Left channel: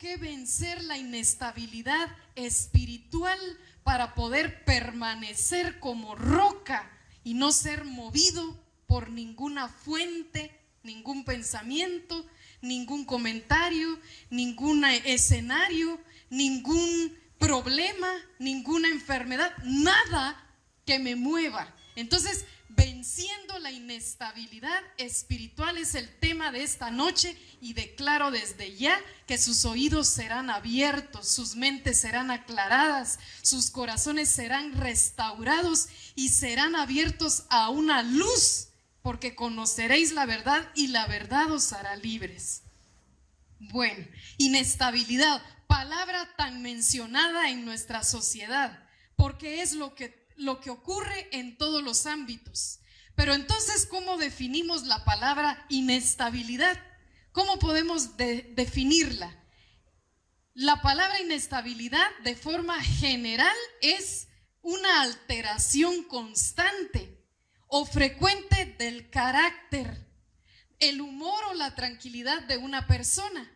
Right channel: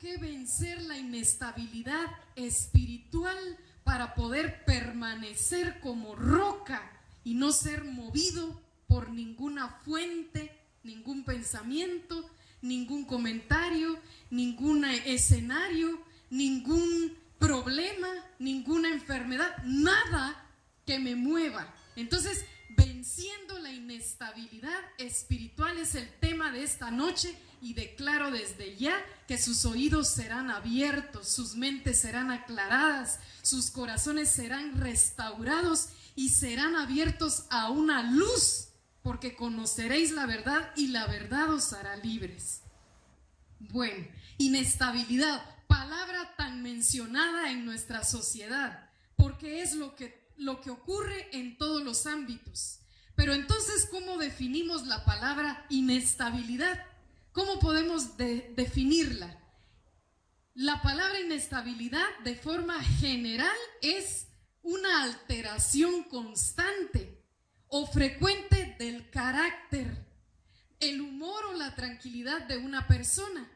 que vencer la inestabilidad espiritual para poder permanecer como roca y no ser movido por ninguna fuente, ningún pensamiento, ningún comentario, ningún escenario, ningún problema, ninguna enfermedad, nada que me mueva. Entonces, venciendo la inestabilidad espiritual es el tema de esta noche, y declaro desde ya que sus oídos serán abiertos, sus mentes serán aclaradas, sus corazones serán restaurados y serán abiertos a una luz, porque conoceréis la verdad y la verdad os hará libres. Bueno, inestabilidad, palabra tan mencionada en nuestra sociedad, porque es lo que ocurre en todos los ámbitos. Pero entonces, ¿cómo definimos la palabra inestabilidad? ¿Cómo podemos definirla? La palabra inestabilidad de forma general es una alteración constante o frecuente del carácter, el humor o la tranquilidad de una persona.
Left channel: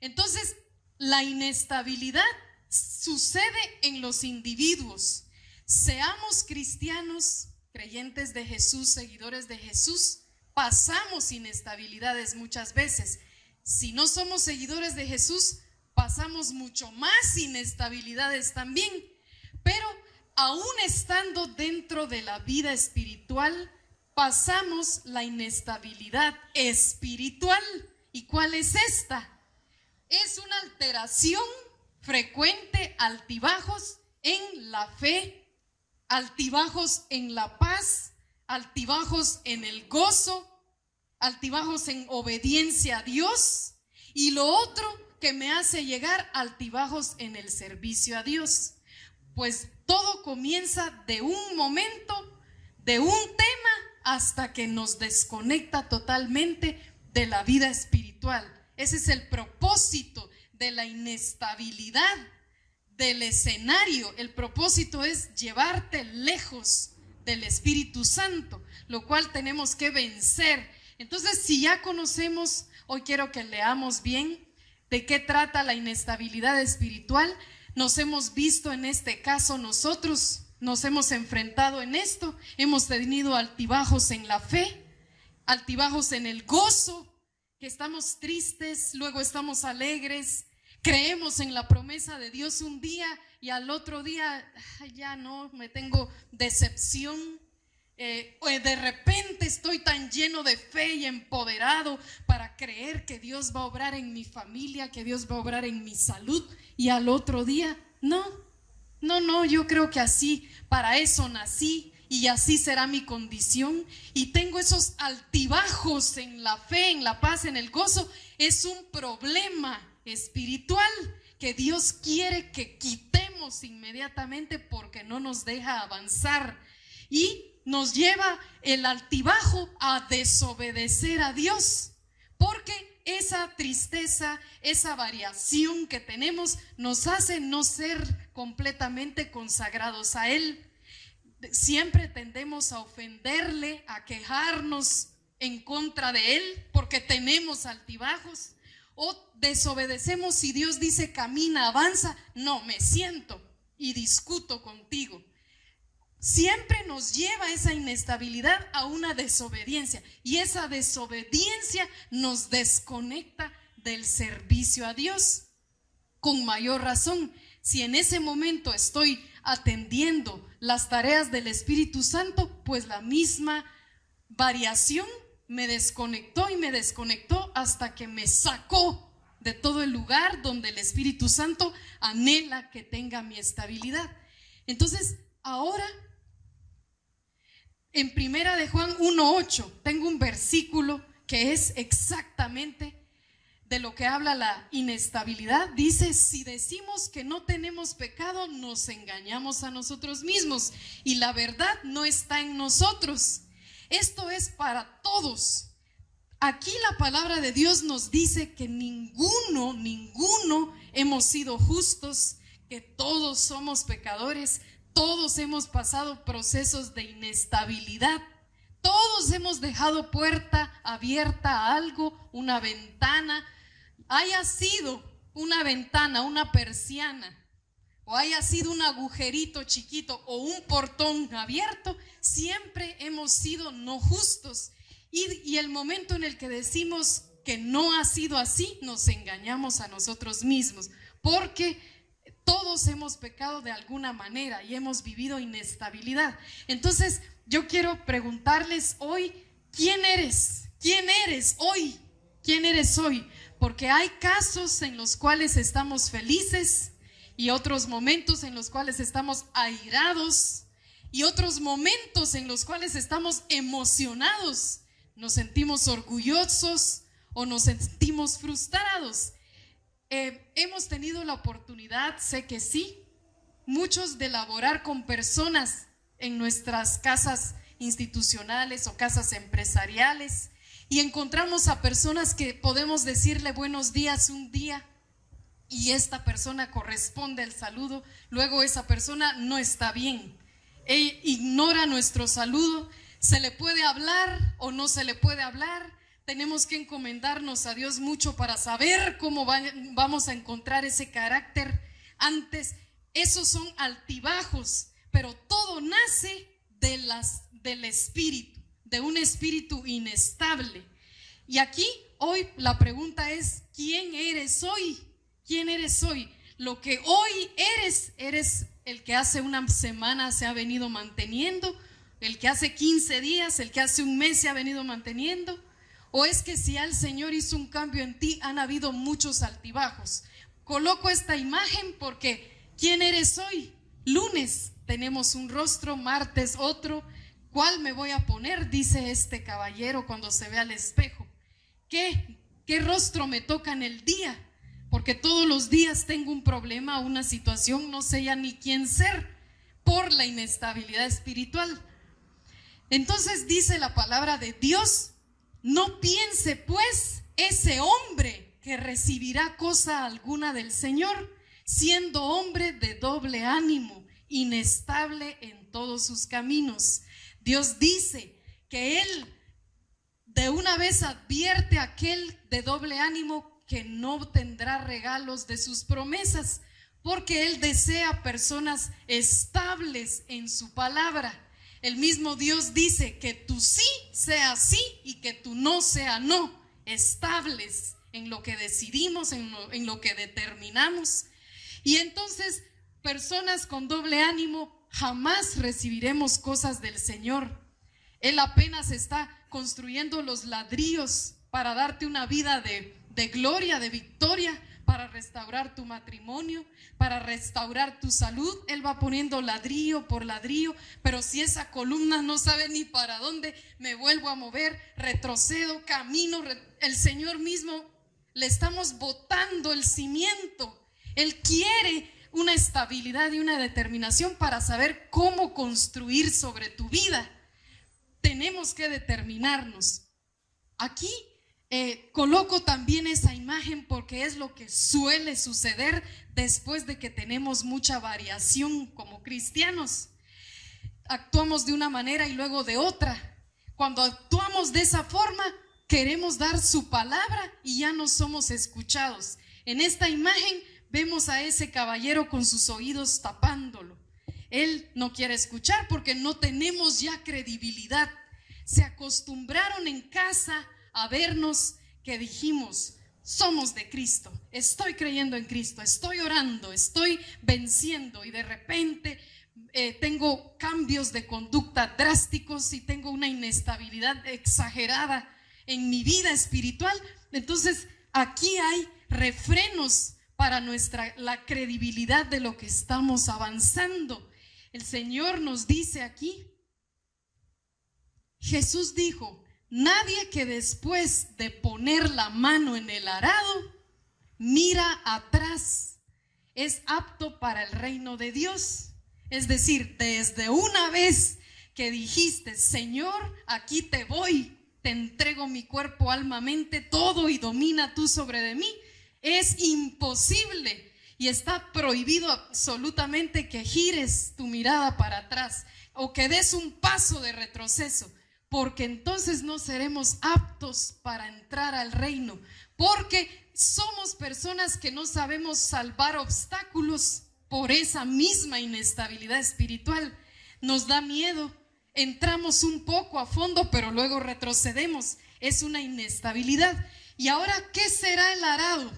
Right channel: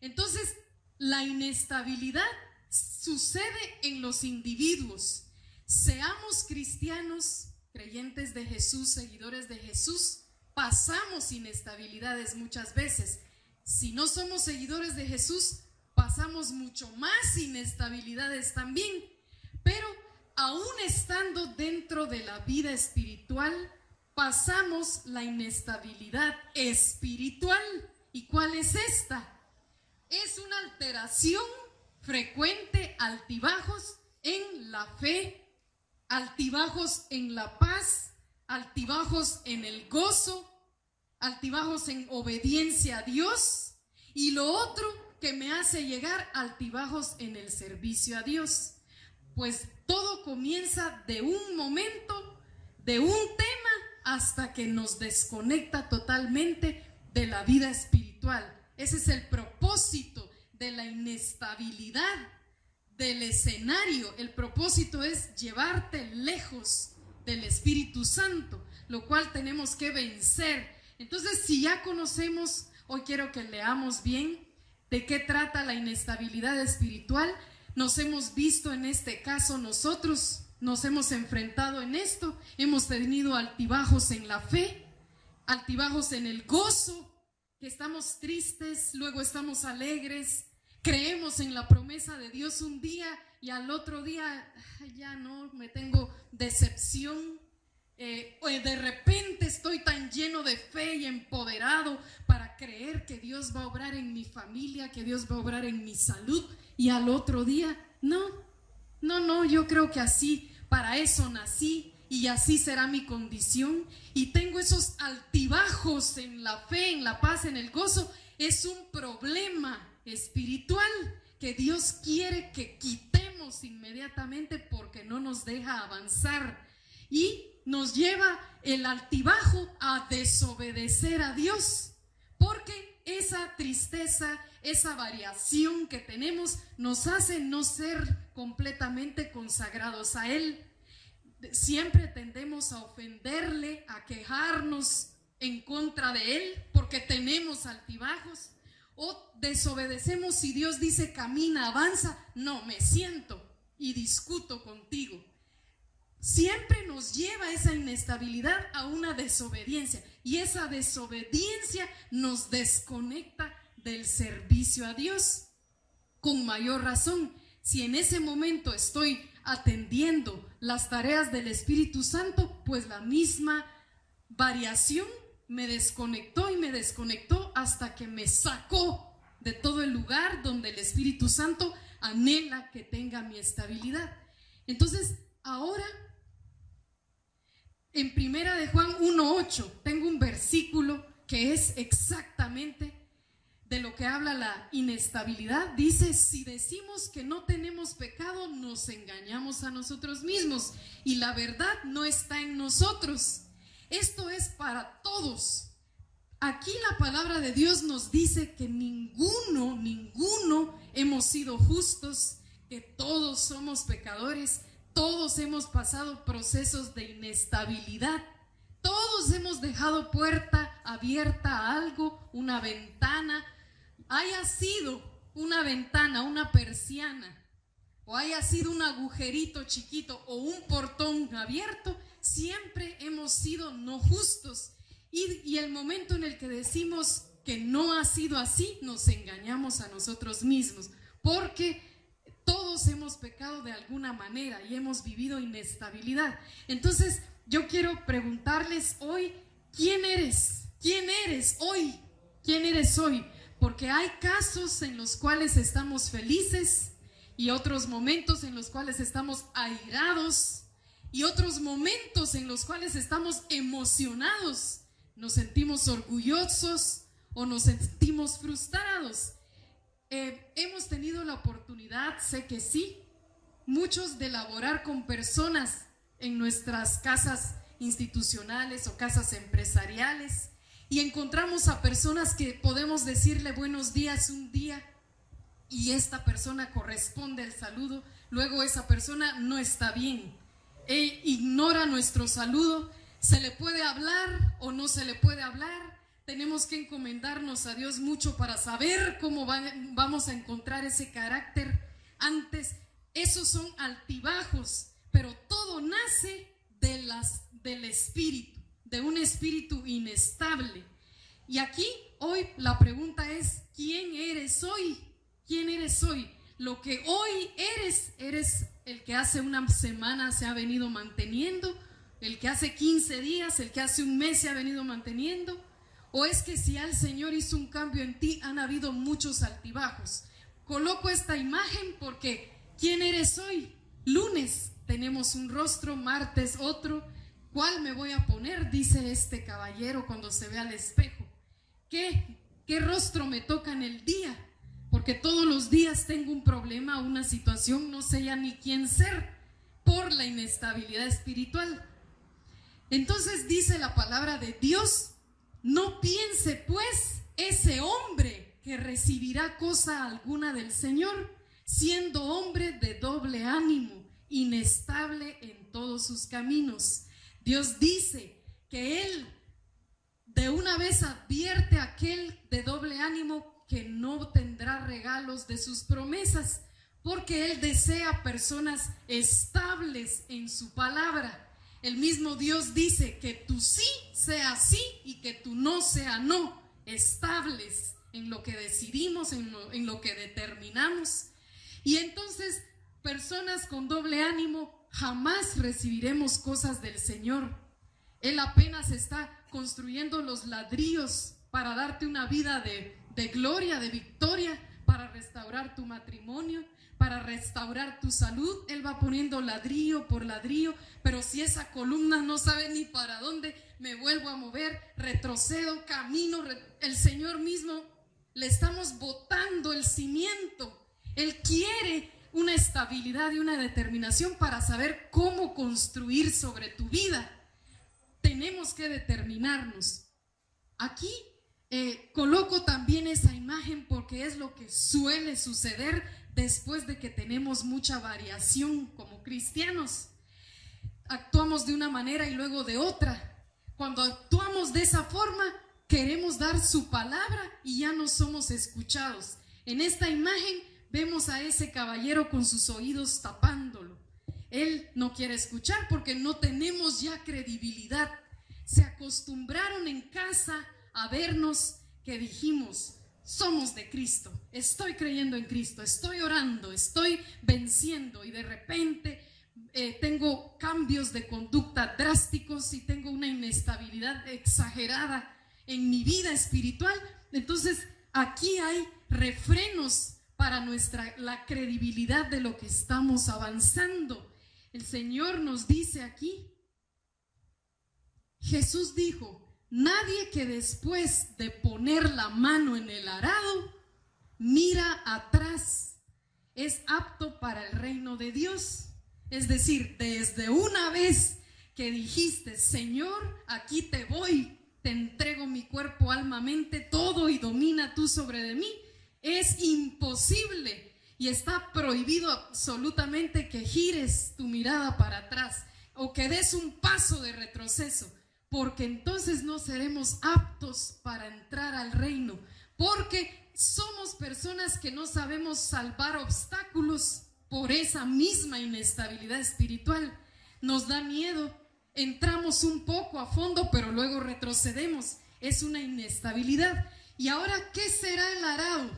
Entonces, la inestabilidad sucede en los individuos. Seamos cristianos, creyentes de Jesús, seguidores de Jesús, pasamos inestabilidades muchas veces. Si no somos seguidores de Jesús, pasamos mucho más inestabilidades también. Pero aún estando dentro de la vida espiritual, pasamos la inestabilidad espiritual. ¿Y cuál es esta? Es una alteración frecuente, altibajos en la fe, altibajos en la paz, altibajos en el gozo, altibajos en obediencia a Dios, y lo otro que me hace llegar altibajos en el servicio a Dios. Pues todo comienza de un momento, de un tema, hasta que nos desconecta totalmente de la vida espiritual. Ese es el propósito de la inestabilidad del escenario. El propósito es llevarte lejos del Espíritu Santo, lo cual tenemos que vencer. Entonces, si ya conocemos, hoy quiero que leamos bien de qué trata la inestabilidad espiritual. Nos hemos visto en este caso, nosotros nos hemos enfrentado en esto, hemos tenido altibajos en la fe, altibajos en el gozo, que estamos tristes, luego estamos alegres, creemos en la promesa de Dios un día y al otro día ya no, me tengo decepción. De repente estoy tan lleno de fe y empoderado para creer que Dios va a obrar en mi familia, que Dios va a obrar en mi salud, y al otro día no, yo creo que así, para eso nací y así será mi condición, y tengo esos altibajos en la fe, en la paz, en el gozo. Es un problema espiritual que Dios quiere que quitemos inmediatamente, porque no nos deja avanzar y nos lleva el altibajo a desobedecer a Dios, porque esa tristeza, esa variación que tenemos nos hace no ser completamente consagrados a Él. Siempre tendemos a ofenderle, a quejarnos en contra de Él porque tenemos altibajos, o desobedecemos si Dios dice camina, avanza, no, me siento y discuto contigo. Siempre nos lleva esa inestabilidad a una desobediencia, y esa desobediencia nos desconecta del servicio a Dios. Con mayor razón, si en ese momento estoy atendiendo las tareas del Espíritu Santo, pues la misma variación me desconectó y me desconectó hasta que me sacó de todo el lugar donde el Espíritu Santo anhela que tenga mi estabilidad. Entonces, ahora en Primera de Juan 1:8 tengo un versículo que es exactamente de lo que habla la inestabilidad. Dice: si decimos que no tenemos pecado, nos engañamos a nosotros mismos y la verdad no está en nosotros. Esto es para todos. Aquí la palabra de Dios nos dice que ninguno hemos sido justos, que todos somos pecadores. Todos hemos pasado procesos de inestabilidad. Todos hemos dejado puerta abierta a algo, una ventana, haya sido una ventana, una persiana, o haya sido un agujerito chiquito o un portón abierto, siempre hemos sido no justos. Y el momento en el que decimos que no ha sido así, nos engañamos a nosotros mismos, porque todos hemos pecado de alguna manera y hemos vivido inestabilidad. Entonces, yo quiero preguntarles hoy, ¿quién eres? ¿Quién eres hoy? ¿Quién eres hoy? Porque hay casos en los cuales estamos felices y otros momentos en los cuales estamos airados y otros momentos en los cuales estamos emocionados. Nos sentimos orgullosos o nos sentimos frustrados. Hemos tenido la oportunidad, sé que sí, muchos, de laborar con personas en nuestras casas institucionales o casas empresariales, y encontramos a personas que podemos decirle buenos días un día y esta persona corresponde el saludo, luego esa persona no está bien, ignora nuestro saludo, se le puede hablar o no se le puede hablar. Tenemos que encomendarnos a Dios mucho para saber cómo vamos a encontrar ese carácter. Antes, esos son altibajos, pero todo nace del espíritu, de un espíritu inestable. Y aquí, hoy, la pregunta es, ¿quién eres hoy? ¿Quién eres hoy? Lo que hoy eres el que hace una semana se ha venido manteniendo, el que hace 15 días, el que hace un mes se ha venido manteniendo. ¿O es que si el Señor hizo un cambio en ti, han habido muchos altibajos? Coloco esta imagen porque ¿quién eres hoy? Lunes tenemos un rostro, martes otro. ¿Cuál me voy a poner? Dice este caballero cuando se ve al espejo. ¿Qué rostro me toca en el día? Porque todos los días tengo un problema, una situación, no sé ya ni quién ser por la inestabilidad espiritual. Entonces dice la palabra de Dios: no piense pues ese hombre que recibirá cosa alguna del Señor, siendo hombre de doble ánimo, inestable en todos sus caminos. Dios dice que Él de una vez advierte a aquel de doble ánimo que no tendrá regalos de sus promesas, porque Él desea personas estables en su palabra. El mismo Dios dice que tu sí sea sí y que tu no sea no, estables en lo que decidimos, en lo que determinamos. Y entonces, personas con doble ánimo, jamás recibiremos cosas del Señor. Él apenas está construyendo los ladrillos para darte una vida de gloria, de victoria, para restaurar tu matrimonio, para restaurar tu salud. Él va poniendo ladrillo por ladrillo, pero si esa columna no sabe ni para dónde, me vuelvo a mover, retrocedo, camino, el Señor mismo, le estamos botando el cimiento. Él quiere una estabilidad y una determinación para saber cómo construir sobre tu vida. Tenemos que determinarnos. Aquí coloco también esa imagen porque es lo que suele suceder después de que tenemos mucha variación como cristianos. Actuamos de una manera y luego de otra. Cuando actuamos de esa forma, queremos dar su palabra y ya no somos escuchados. En esta imagen vemos a ese caballero con sus oídos tapándolo. Él no quiere escuchar porque no tenemos ya credibilidad. Se acostumbraron en casa a vernos que dijimos: somos de Cristo, estoy creyendo en Cristo, estoy orando, estoy venciendo, y de repente tengo cambios de conducta drásticos y tengo una inestabilidad exagerada en mi vida espiritual. Entonces aquí hay refrenos para la credibilidad de lo que estamos avanzando. El Señor nos dice aquí, Jesús dijo: nadie que después de poner la mano en el arado mira atrás es apto para el reino de Dios. Es decir, desde una vez que dijiste: Señor, aquí te voy, te entrego mi cuerpo, alma, mente, todo, y domina tú sobre de mí, es imposible y está prohibido absolutamente que gires tu mirada para atrás o que des un paso de retroceso, porque entonces no seremos aptos para entrar al reino, porque somos personas que no sabemos salvar obstáculos por esa misma inestabilidad espiritual. Nos da miedo, entramos un poco a fondo, pero luego retrocedemos. Es una inestabilidad. Y ahora, ¿qué será el arado?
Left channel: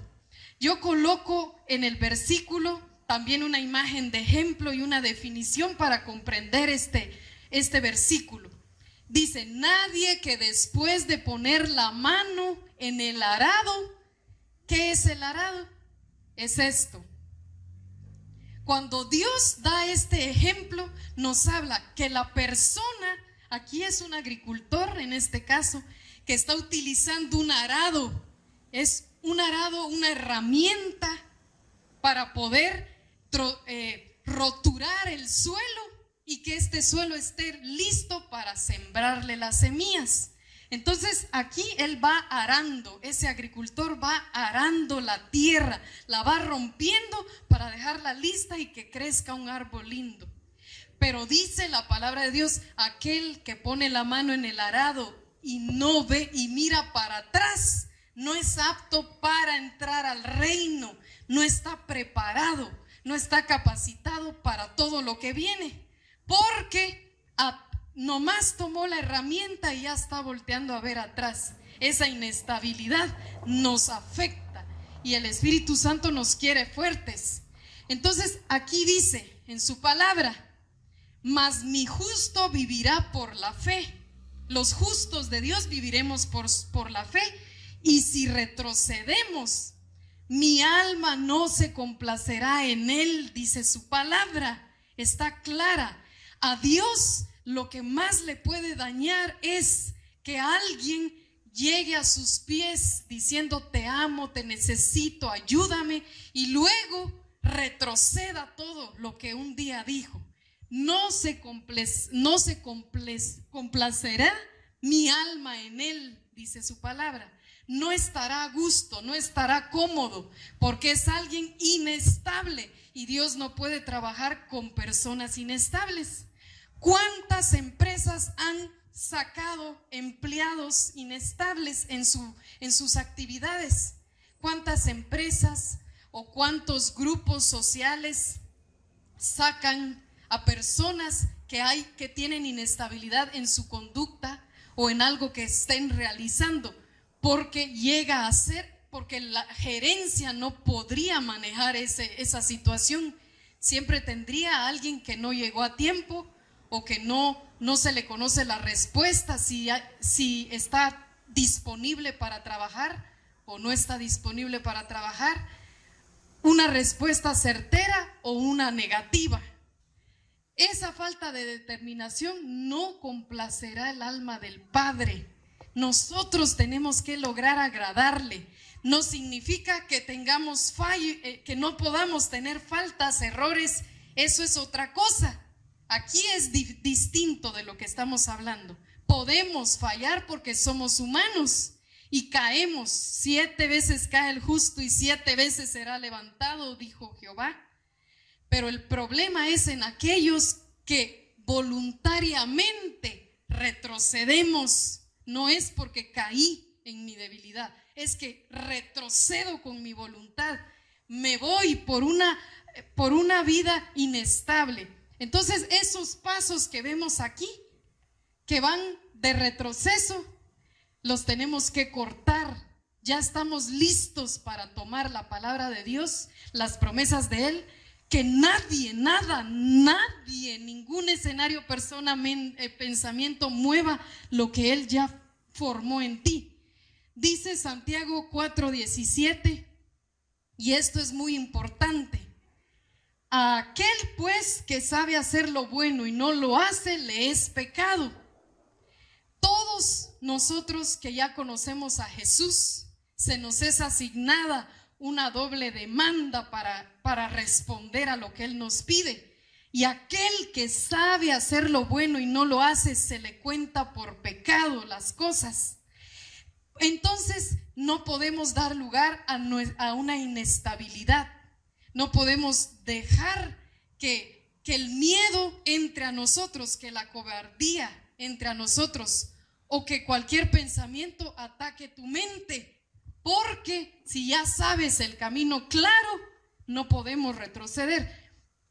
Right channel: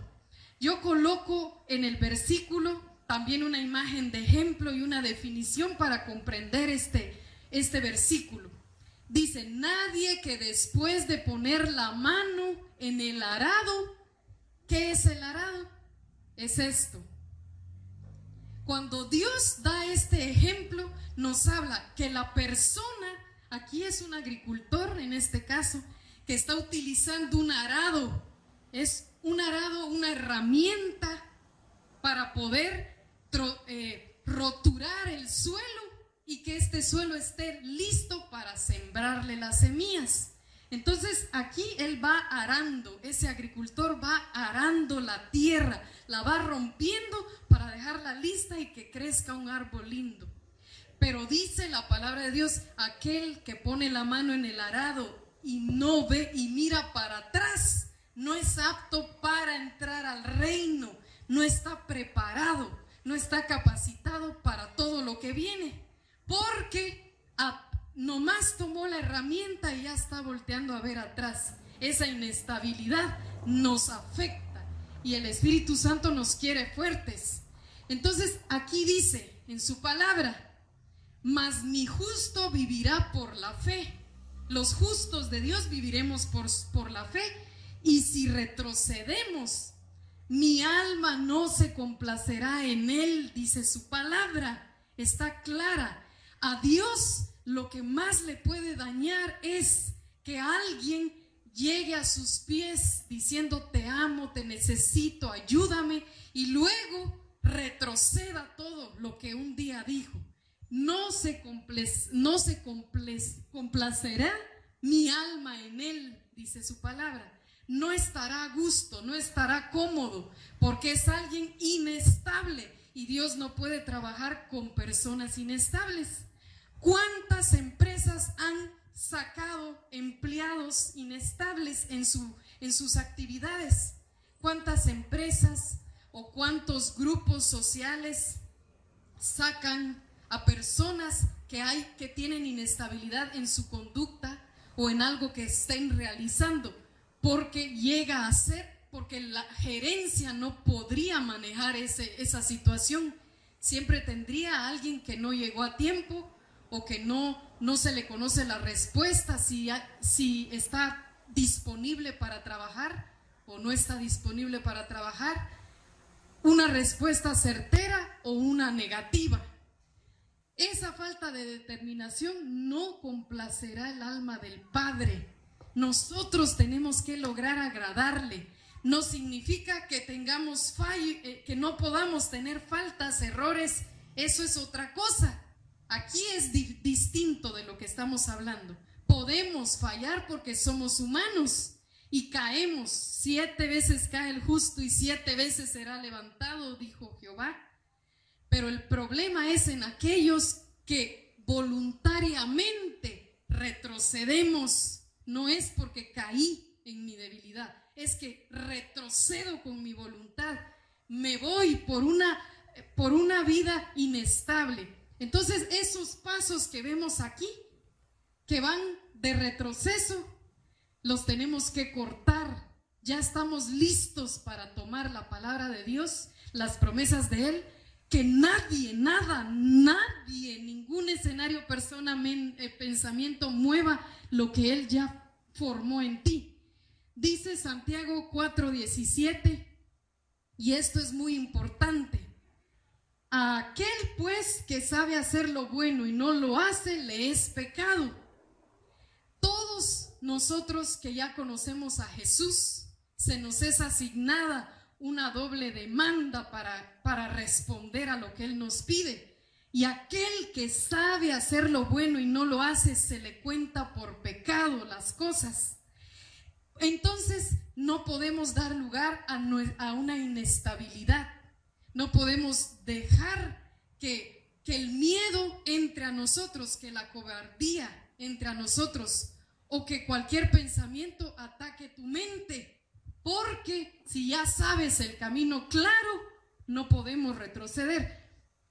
Yo coloco en el versículo también una imagen de ejemplo y una definición para comprender este versículo. Dice, nadie que después de poner la mano en el arado, ¿qué es el arado? Es esto. Cuando Dios da este ejemplo, nos habla que la persona, aquí es un agricultor en este caso, que está utilizando un arado. Es un arado, una herramienta para poder roturar el suelo y que este suelo esté listo para sembrarle las semillas. Entonces aquí él va arando, ese agricultor va arando la tierra, la va rompiendo para dejarla lista y que crezca un árbol lindo. Pero dice la palabra de Dios, aquel que pone la mano en el arado y no ve y mira para atrás, no es apto para entrar al reino, no está preparado, no está capacitado para todo lo que viene, porque nomás tomó la herramienta y ya está volteando a ver atrás. Esa inestabilidad nos afecta y el Espíritu Santo nos quiere fuertes. Entonces aquí dice en su palabra, mas mi justo vivirá por la fe. Los justos de Dios viviremos por la fe, y si retrocedemos, mi alma no se complacerá en él, dice su palabra. Está clara. A Dios lo que más le puede dañar es que alguien llegue a sus pies diciendo te amo, te necesito, ayúdame, y luego retroceda todo lo que un día dijo. No se complacerá mi alma en él, dice su palabra. No estará a gusto, no estará cómodo, porque es alguien inestable y Dios no puede trabajar con personas inestables. ¿Cuántas empresas han sacado empleados inestables en sus actividades? ¿Cuántas empresas o cuántos grupos sociales sacan a personas que tienen inestabilidad en su conducta o en algo que estén realizando? Porque llega a ser, porque la gerencia no podría manejar esa situación. Siempre tendría a alguien que no llegó a tiempo o que no se le conoce la respuesta, si está disponible para trabajar o no está disponible para trabajar, una respuesta certera o una negativa. Esa falta de determinación no complacerá el alma del Padre. Nosotros tenemos que lograr agradarle. No significa que tengamos que no podamos tener faltas, errores. Eso es otra cosa. Aquí es distinto de lo que estamos hablando. Podemos fallar porque somos humanos y caemos. 7 veces cae el justo y 7 veces será levantado, dijo Jehová. Pero el problema es en aquellos que voluntariamente retrocedemos. No es porque caí en mi debilidad, es que retrocedo con mi voluntad. Me voy por una vida inestable. Entonces esos pasos que vemos aquí, que van de retroceso, los tenemos que cortar. Ya estamos listos para tomar la palabra de Dios, las promesas de Él, que nadie, nada, nadie, ningún escenario, persona, pensamiento mueva lo que Él ya formó en ti. Dice Santiago 4:17, y esto es muy importante: a aquel pues que sabe hacer lo bueno y no lo hace, le es pecado. Todos nosotros que ya conocemos a Jesús, se nos es asignada una doble demanda para responder a lo que Él nos pide. Y aquel que sabe hacer lo bueno y no lo hace, se le cuenta por pecado las cosas. Entonces no podemos dar lugar a una inestabilidad. No podemos dejar que el miedo entre a nosotros, que la cobardía entre a nosotros, o que cualquier pensamiento ataque tu mente. porque si ya sabes el camino claro, no podemos retroceder.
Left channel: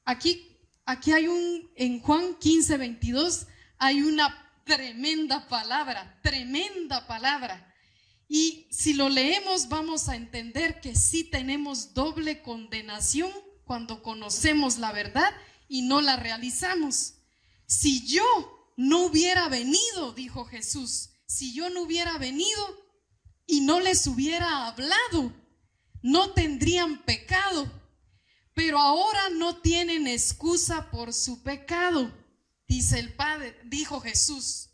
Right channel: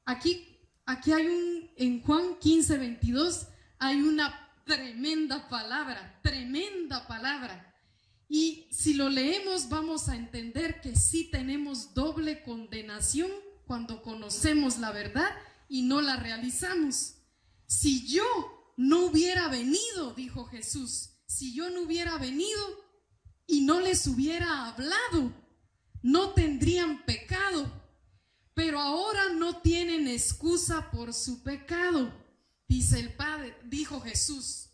Aquí hay en Juan 15:22 hay una tremenda palabra. Y si lo leemos vamos a entender que sí tenemos doble condenación cuando conocemos la verdad y no la realizamos. Si yo no hubiera venido, dijo Jesús, si yo no hubiera venido y no les hubiera hablado, no tendrían pecado. Pero ahora no tienen excusa por su pecado, dice el Padre, dijo Jesús.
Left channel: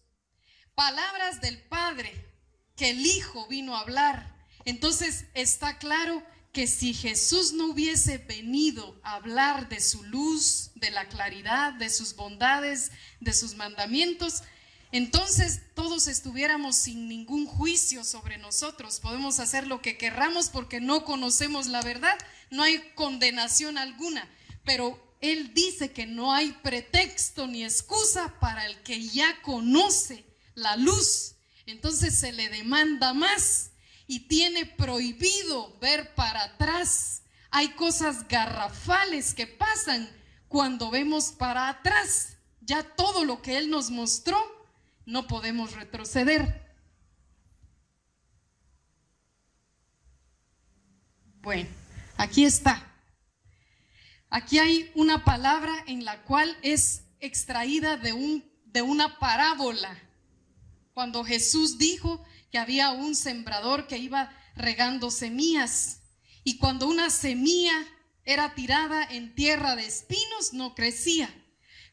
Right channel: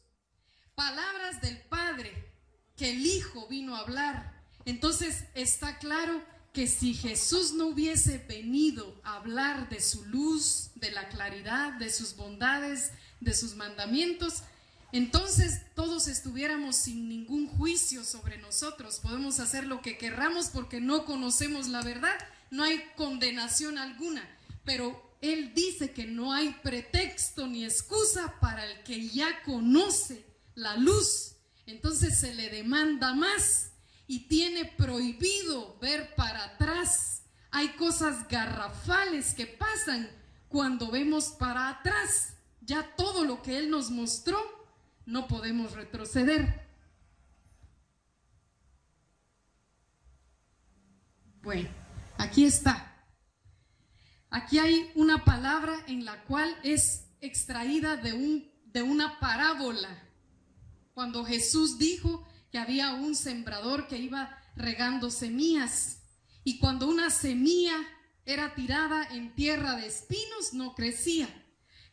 Palabras del Padre que el Hijo vino a hablar. Entonces está claro que si Jesús no hubiese venido a hablar de su luz, de la claridad, de sus bondades, de sus mandamientos, entonces todos estuviéramos sin ningún juicio sobre nosotros. Podemos hacer lo que querramos porque no conocemos la verdad, no hay condenación alguna. Pero Él dice que no hay pretexto ni excusa para el que ya conoce la luz. Entonces se le demanda más y tiene prohibido ver para atrás. Hay cosas garrafales que pasan cuando vemos para atrás. Ya todo lo que Él nos mostró, no podemos retroceder. Bueno, aquí está. Aquí hay una palabra en la cual es extraída de una parábola. Cuando Jesús dijo que había un sembrador que iba regando semillas, y cuando una semilla era tirada en tierra de espinos, no crecía.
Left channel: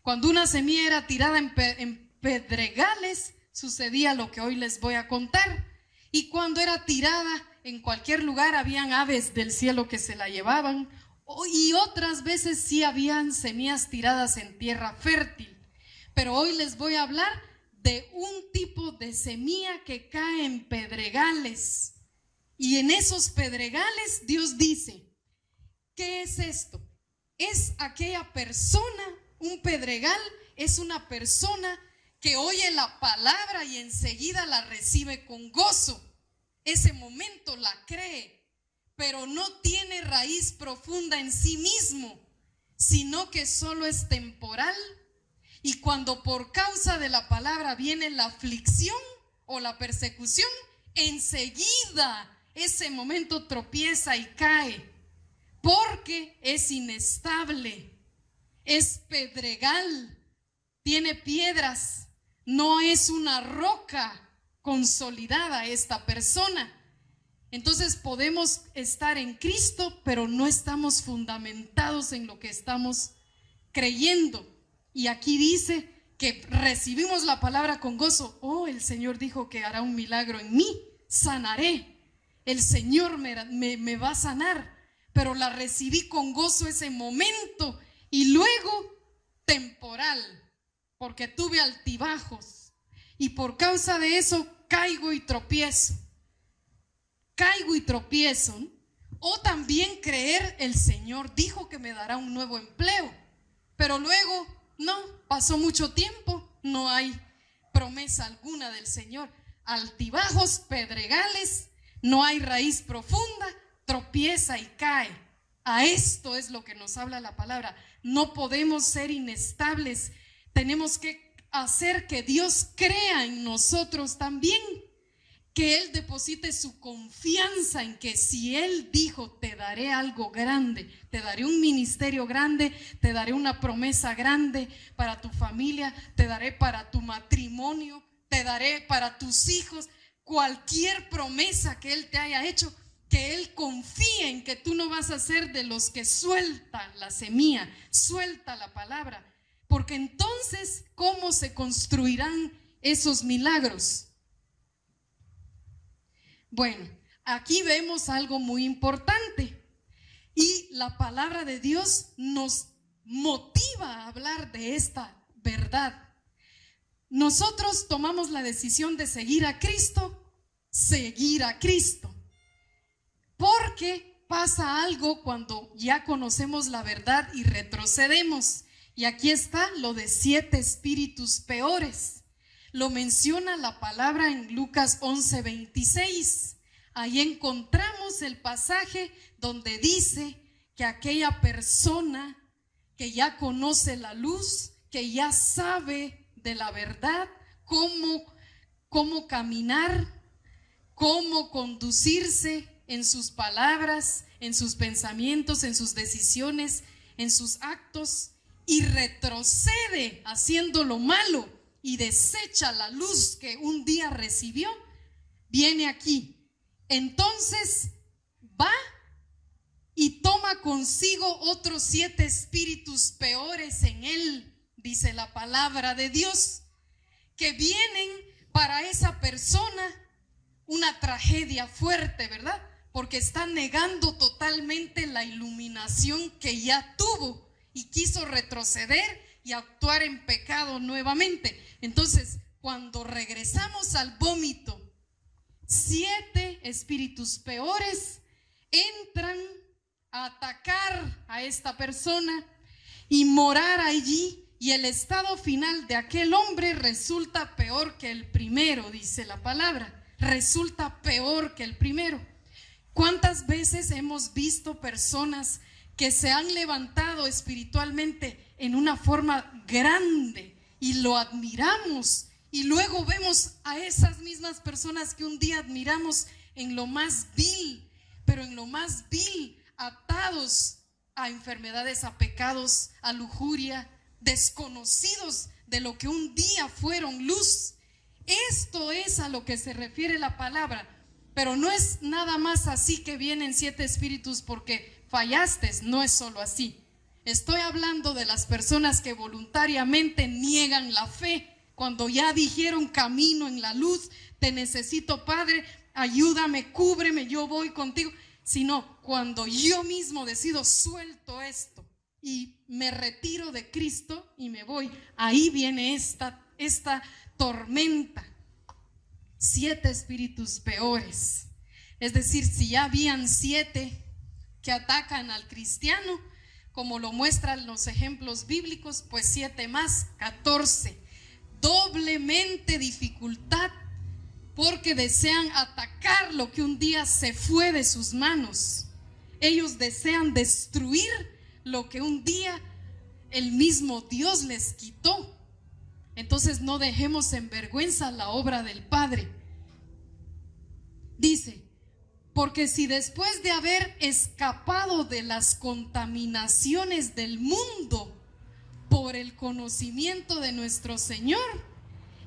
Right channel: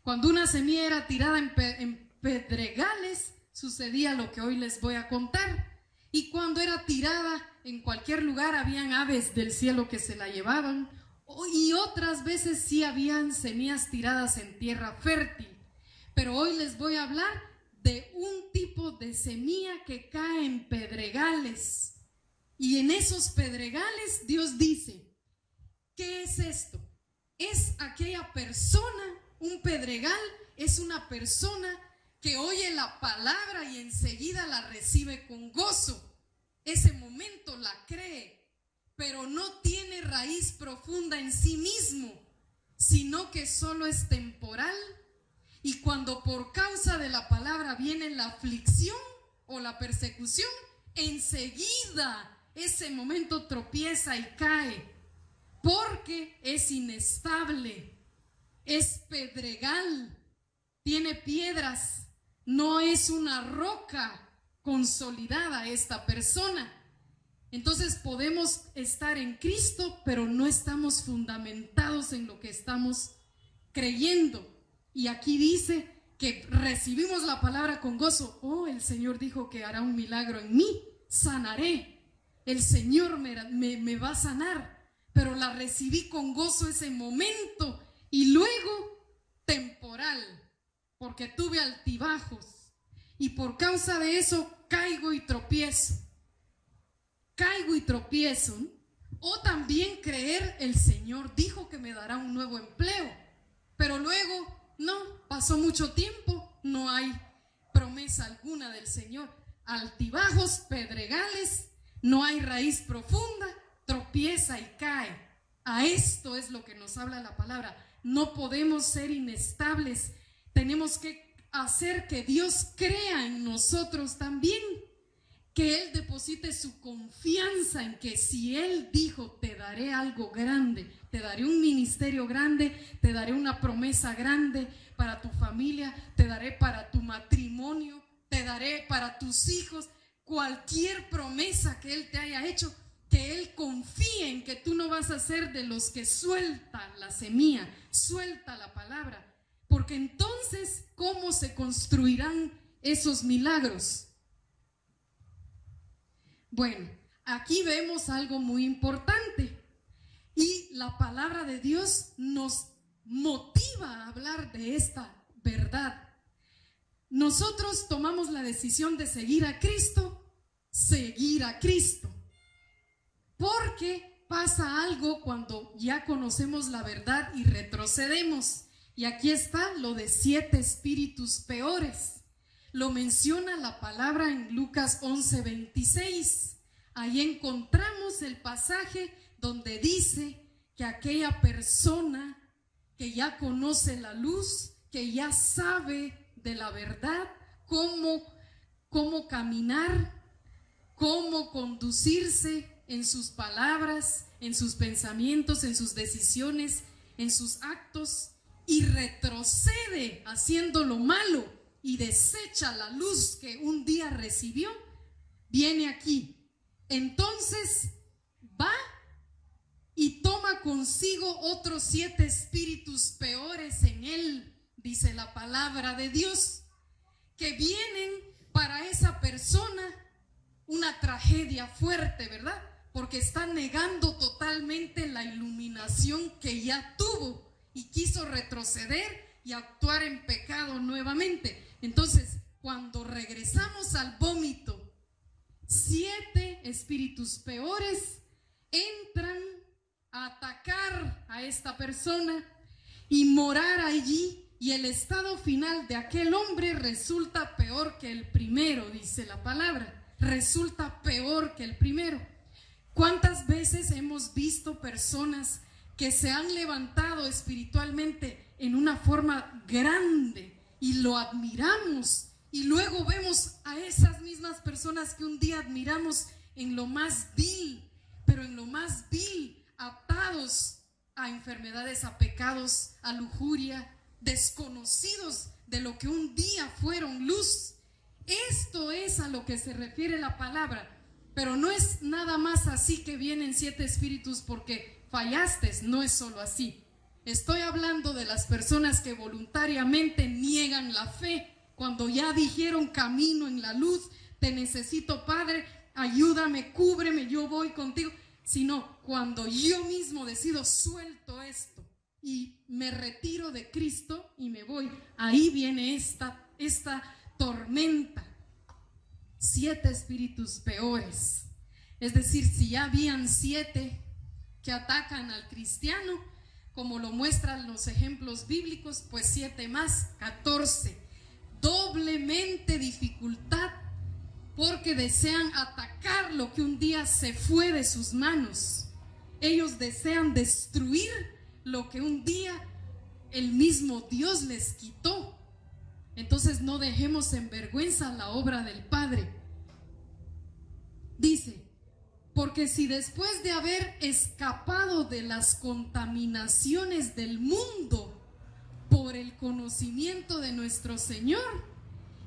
Cuando una semilla era tirada en pedregales, sucedía lo que hoy les voy a contar. Y cuando era tirada en cualquier lugar, habían aves del cielo que se la llevaban, y otras veces sí habían semillas tiradas en tierra fértil. Pero hoy les voy a hablar de un tipo de semilla que cae en pedregales. Y en esos pedregales Dios dice, ¿qué es esto? Es aquella persona, un pedregal es una persona que oye la palabra y enseguida la recibe con gozo. Ese momento la cree, pero no tiene raíz profunda en sí mismo, sino que solo es temporal. Y cuando por causa de la palabra viene la aflicción o la persecución, enseguida ese momento tropieza y cae, porque es inestable, es pedregal, tiene piedras, no es una roca consolidada esta persona. Entonces podemos estar en Cristo, pero no estamos fundamentados en lo que estamos creyendo. Y aquí dice que recibimos la palabra con gozo. Oh, el Señor dijo que hará un milagro en mí, sanaré. El Señor me va a sanar, pero la recibí con gozo ese momento y luego temporal, porque tuve altibajos y por causa de eso caigo y tropiezo. O también creer, el Señor dijo que me dará un nuevo empleo, pero luego no, pasó mucho tiempo, no hay promesa alguna del Señor. Altibajos, pedregales, no hay raíz profunda, tropieza y cae. A esto es lo que nos habla la palabra. No podemos ser inestables, tenemos que hacer que Dios crea en nosotros también, que Él deposite su confianza en que si Él dijo, te daré algo grande, te daré un ministerio grande, te daré una promesa grande para tu familia, te daré para tu matrimonio, te daré para tus hijos, cualquier promesa que Él te haya hecho, que Él confíe en que tú no vas a ser de los que sueltan la semilla, suelta la palabra, porque entonces, ¿cómo se construirán esos milagros? Bueno, aquí vemos algo muy importante y la palabra de Dios nos motiva a hablar de esta verdad. Nosotros tomamos la decisión de seguir a Cristo, porque pasa algo cuando ya conocemos la verdad y retrocedemos. Y aquí está lo de 7 espíritus peores. Lo menciona la palabra en Lucas 11:26. ahí encontramos el pasaje donde dice que aquella persona que ya conoce la luz, que ya sabe de la verdad, cómo caminar, cómo conducirse en sus palabras, en sus pensamientos, en sus decisiones, en sus actos, y retrocede haciendo lo malo y desecha la luz que un día recibió, viene aquí. Entonces va y toma consigo otros 7 espíritus peores en él, dice la palabra de Dios, que vienen para esa persona una tragedia fuerte, ¿verdad? Porque está negando totalmente la iluminación que ya tuvo y quiso retroceder y actuar en pecado nuevamente. Entonces, cuando regresamos al vómito, 7 espíritus peores entran a atacar a esta persona y morar allí, y el estado final de aquel hombre resulta peor que el primero, dice la palabra. Resulta peor que el primero. ¿Cuántas veces hemos visto personas que se han levantado espiritualmente en una forma grande y lo admiramos, y luego vemos a esas mismas personas que un día admiramos en lo más vil, pero en lo más vil, atados a enfermedades, a pecados, a lujuria, desconocidos de lo que un día fueron luz? Esto es a lo que se refiere la palabra, pero no es nada más así que vienen 7 espíritus porque fallaste, no es solo así. Estoy hablando de las personas que voluntariamente niegan la fe, cuando ya dijeron camino en la luz, te necesito, Padre, ayúdame, cúbreme, yo voy contigo. Sino cuando yo mismo decido, suelto esto y me retiro de Cristo y me voy, ahí viene esta tormenta. 7 espíritus peores. Es decir, si ya habían 7 que atacan al cristiano, como lo muestran los ejemplos bíblicos, pues 7 más, 14. Doblemente dificultad, porque desean atacar lo que un día se fue de sus manos. Ellos desean destruir lo que un día el mismo Dios les quitó. Entonces no dejemos en vergüenza la obra del Padre. Dice, porque si después de haber escapado de las contaminaciones del mundo por el conocimiento de nuestro Señor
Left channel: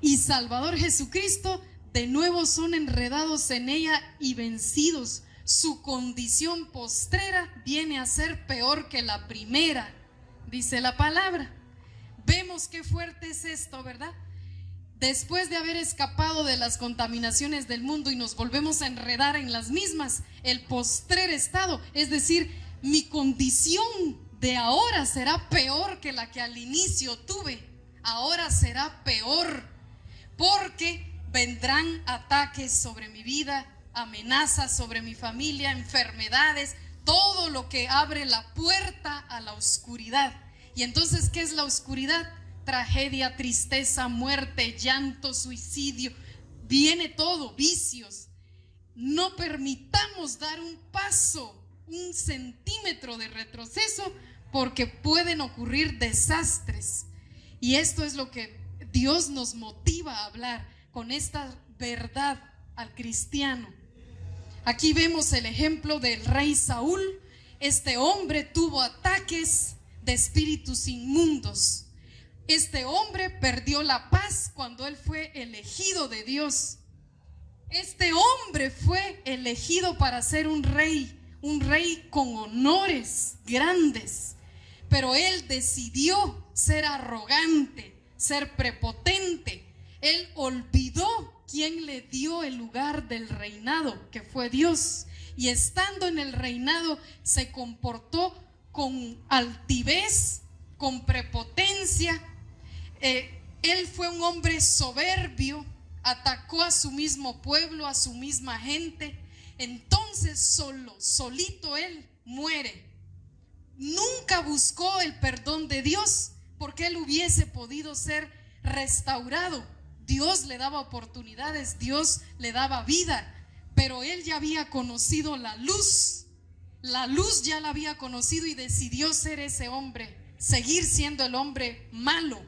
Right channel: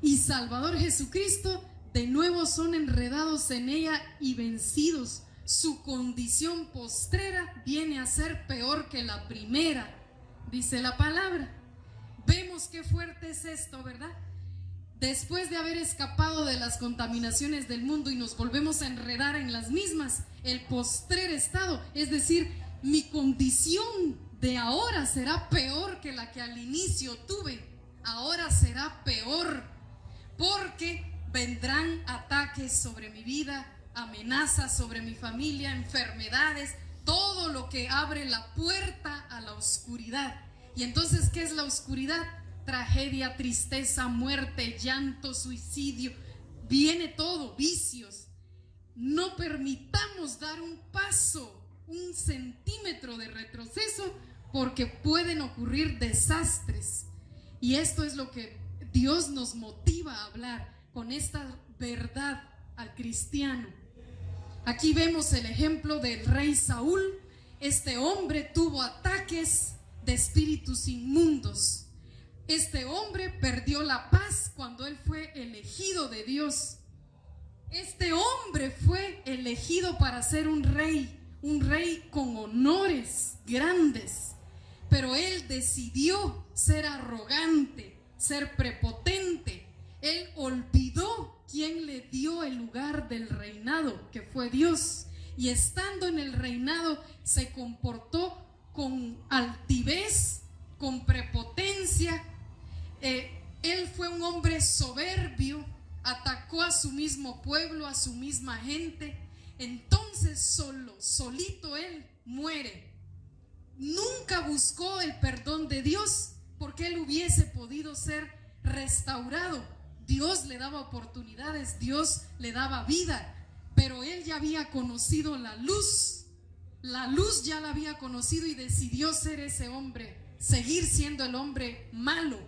y Salvador Jesucristo, de nuevo son enredados en ella y vencidos, su condición postrera viene a ser peor que la primera, dice la palabra. Vemos qué fuerte es esto, ¿verdad? Después de haber escapado de las contaminaciones del mundo y nos volvemos a enredar en las mismas, el postrer estado, es decir, mi condición de ahora será peor que la que al inicio tuve. Ahora será peor, porque vendrán ataques sobre mi vida, amenazas sobre mi familia, enfermedades, todo lo que abre la puerta a la oscuridad. Y entonces, ¿qué es la oscuridad? Tragedia, tristeza, muerte, llanto, suicidio, viene todo, vicios. No permitamos dar un paso, un centímetro de retroceso, porque pueden ocurrir desastres. Y esto es lo que Dios nos motiva a hablar con esta verdad al cristiano. Aquí vemos el ejemplo del rey Saúl. Este hombre tuvo ataques de espíritus inmundos. Este hombre perdió la paz cuando él fue elegido de Dios. Este hombre fue elegido para ser un rey con honores grandes, pero él decidió ser arrogante, ser prepotente. Él olvidó quién le dio el lugar del reinado, que fue Dios, y estando en el reinado se comportó con altivez, con prepotencia. Él fue un hombre soberbio, atacó a su mismo pueblo, a su misma gente. Entonces solito él muere. Nunca buscó el perdón de Dios, porque él hubiese podido ser restaurado. Dios le daba oportunidades, Dios le daba vida, pero él ya había conocido la luz ya la había conocido y decidió ser ese hombre, seguir siendo el hombre malo.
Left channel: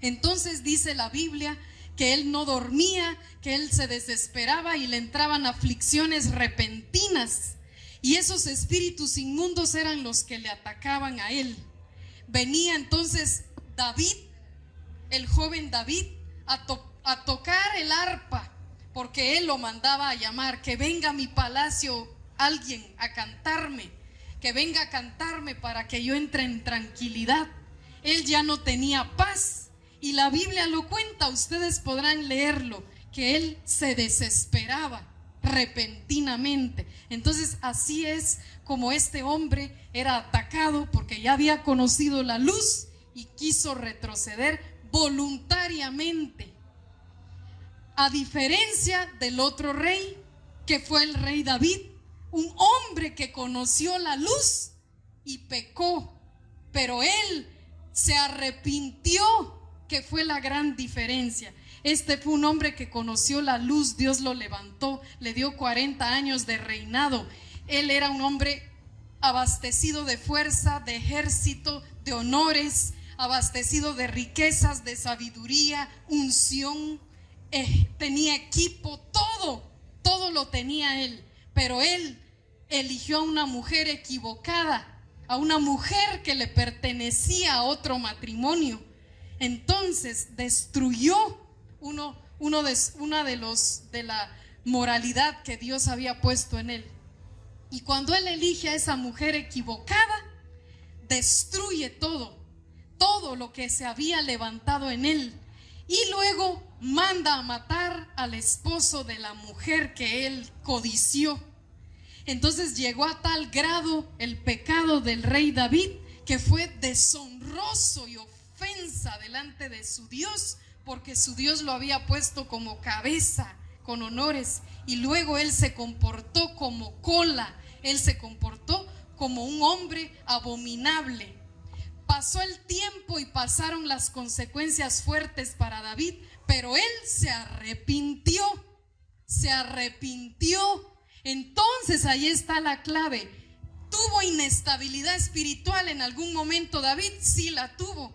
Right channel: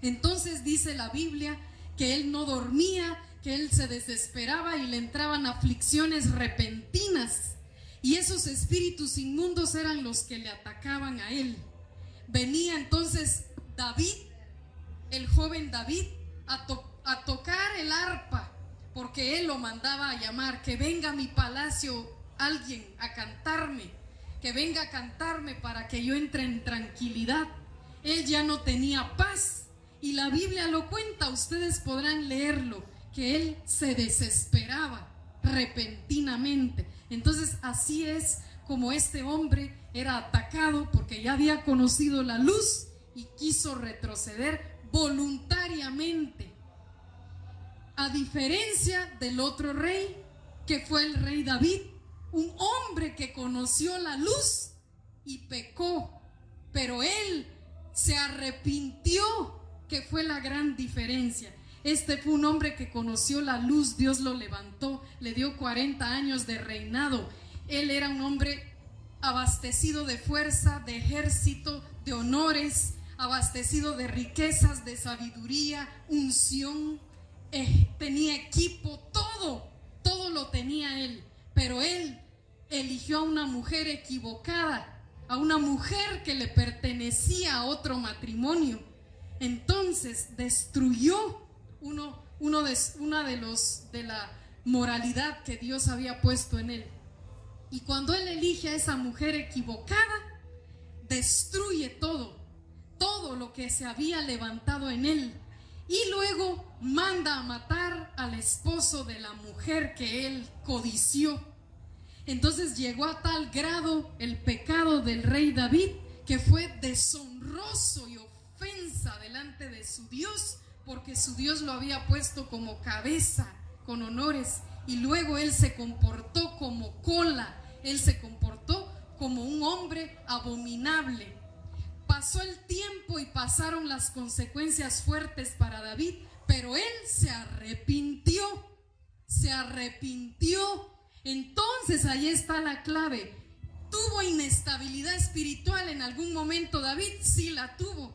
Entonces dice la Biblia que él no dormía, que él se desesperaba y le entraban aflicciones repentinas, y esos espíritus inmundos eran los que le atacaban a él. Venía entonces David, el joven David, a tocar el arpa, porque él lo mandaba a llamar, que venga a mi palacio alguien a cantarme, que venga a cantarme para que yo entre en tranquilidad. Él ya no tenía paz, y la Biblia lo cuenta, ustedes podrán leerlo, que él se desesperaba repentinamente. Entonces así es como este hombre era atacado, porque ya había conocido la luz y quiso retroceder voluntariamente, a diferencia del otro rey, que fue el rey David, un hombre que conoció la luz y pecó, pero él se arrepintió, que fue la gran diferencia. Este fue un hombre que conoció la luz, Dios lo levantó, le dio 40 años de reinado. Él era un hombre abastecido de fuerza, de ejército, de honores, abastecido de riquezas, de sabiduría, unción, tenía equipo, todo lo tenía él. Pero él eligió a una mujer equivocada, a una mujer que le pertenecía a otro matrimonio. Entonces destruyó una de la moralidad que Dios había puesto en él. Y cuando él elige a esa mujer equivocada, destruye todo lo que se había levantado en él. Y luego manda a matar al esposo de la mujer que él codició. Entonces llegó a tal grado el pecado del rey David, que fue deshonroso y ofensa delante de su Dios, porque su Dios lo había puesto como cabeza, con honores, y luego él se comportó como cola, él se comportó como un hombre abominable. Pasó el tiempo y pasaron las consecuencias fuertes para David, pero él se arrepintió. Entonces ahí está la clave. ¿Tuvo inestabilidad espiritual en algún momento David? Sí la tuvo,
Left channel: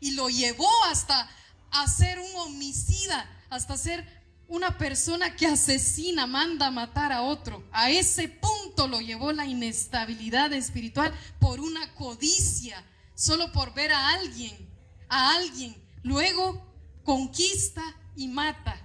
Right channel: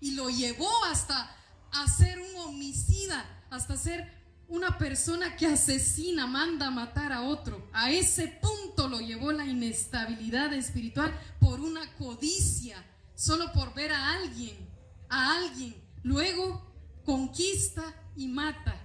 y lo llevó hasta a ser un homicida, hasta ser una persona que asesina, manda a matar a otro. A ese punto lo llevó la inestabilidad espiritual, por una codicia, solo por ver a alguien, luego conquista y mata.